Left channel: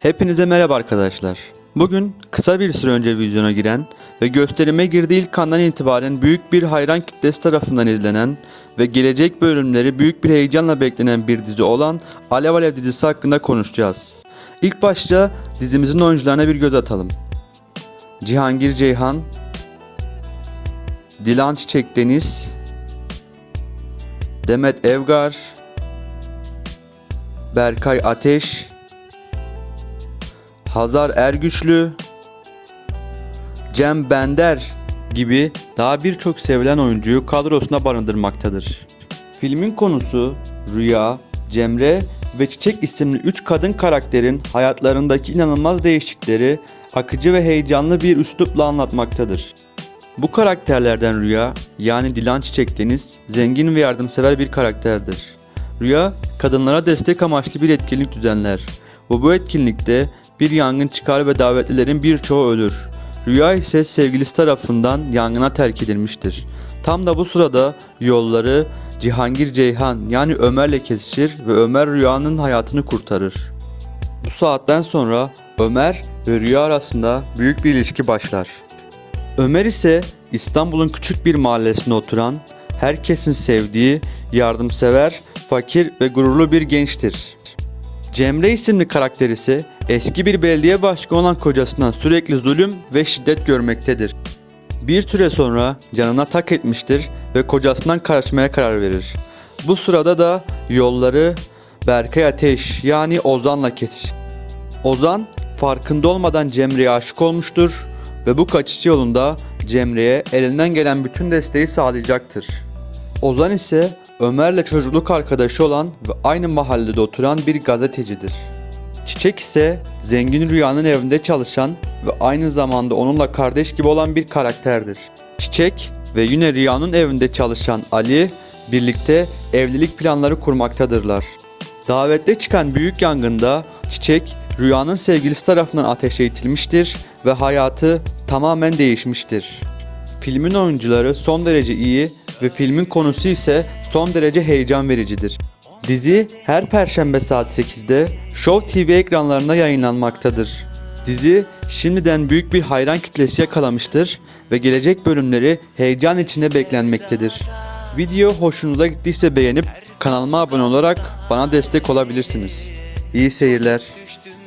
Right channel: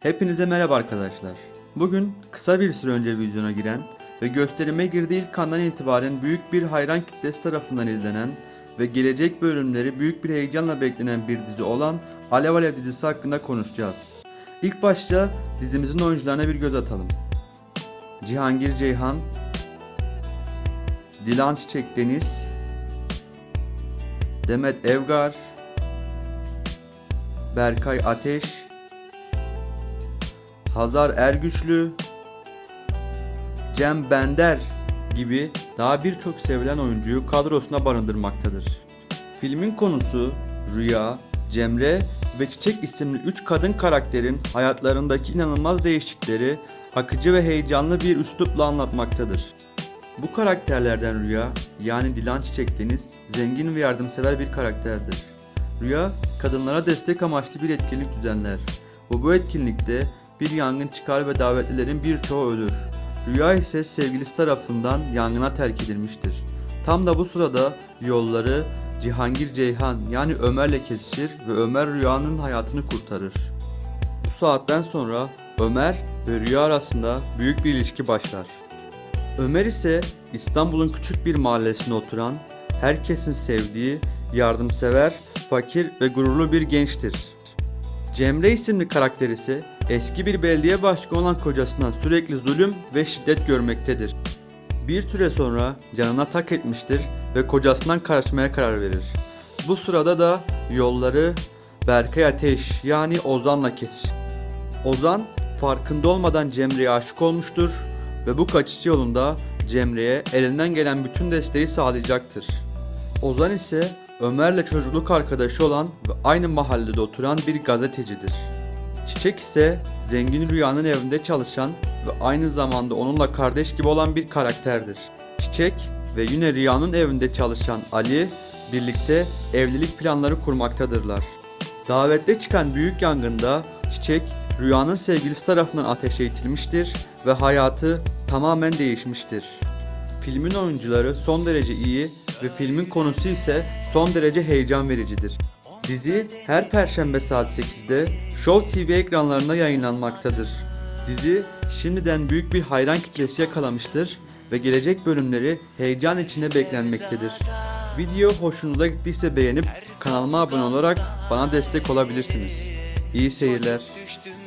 Hepinize merhaba arkadaşlar. Bugün kısa bir süre önce vizyona giren ve gösterime girdiği ilk andan itibaren büyük bir hayran kitlesi tarafından izlenen ve gelecek bölümleri büyük bir heyecanla beklenen bir dizi olan Alev Alev dizisi hakkında konuşacağız. İlk başta dizimizin oyuncularına bir göz atalım. Cihangir Ceyhan, Dilan Çiçek Deniz, Demet Evgar, Berkay Ateş, Hazar Ergüçlü, Cem Bender gibi daha birçok sevilen oyuncuyu kadrosuna barındırmaktadır. Filmin konusu Rüya, Cemre ve Çiçek isimli 3 kadın karakterin hayatlarındaki inanılmaz değişiklikleri akıcı ve heyecanlı bir üslupla anlatmaktadır. Bu karakterlerden Rüya yani Dilan Çiçek Deniz zengin ve yardımsever bir karakterdir. Rüya kadınlara destek amaçlı bir etkinlik düzenler ve bu etkinlikte bir yangın çıkar ve davetlilerin birçoğu ölür. Rüya ise sevgilisi tarafından yangına terk edilmiştir. Tam da bu sırada yolları Cihangir Ceyhan yani Ömer'le kesişir ve Ömer Rüya'nın hayatını kurtarır. Bu saatten sonra Ömer ve Rüya arasında büyük bir ilişki başlar. Ömer ise İstanbul'un küçük bir mahallesinde oturan, herkesin sevdiği, yardımsever, fakir ve gururlu bir gençtir. Cemre isimli karakter ise eski bir belediye başkanı olan kocasından sürekli zulüm ve şiddet görmektedir. Bir süre sonra canına tak etmiştir ve kocasından kaçmaya karar verir. Bu sırada da yolları Berkay Ateş yani Ozan'la kesişir. Ozan farkında olmadan Cemre'ye aşık olmuştur ve bu kaçış yolunda Cemre'ye elinden gelen bütün desteği sağlayacaktır. Ozan ise Ömer'le çocukluk arkadaşı olan ve aynı mahallede oturan bir gazetecidir. Çiçek ise zengin Rüya'nın evinde çalışan ve aynı zamanda onunla kardeş gibi olan bir karakterdir. Çiçek ve yine Rüya'nın evinde çalışan Ali birlikte evlilik planları kurmaktadırlar. Davette çıkan büyük yangında Çiçek Rüya'nın sevgilisi tarafından ateşe itilmiştir ve hayatı tamamen değişmiştir. Filmin oyuncuları son derece iyi ve filmin konusu ise son derece heyecan vericidir. Dizi her perşembe saat 8'de Show TV ekranlarında yayınlanmaktadır. Dizi şimdiden büyük bir hayran kitlesi yakalamıştır ve gelecek bölümleri heyecan içinde beklenmektedir. Video hoşunuza gittiyse beğenip kanalıma abone olarak bana destek olabilirsiniz. İyi seyirler.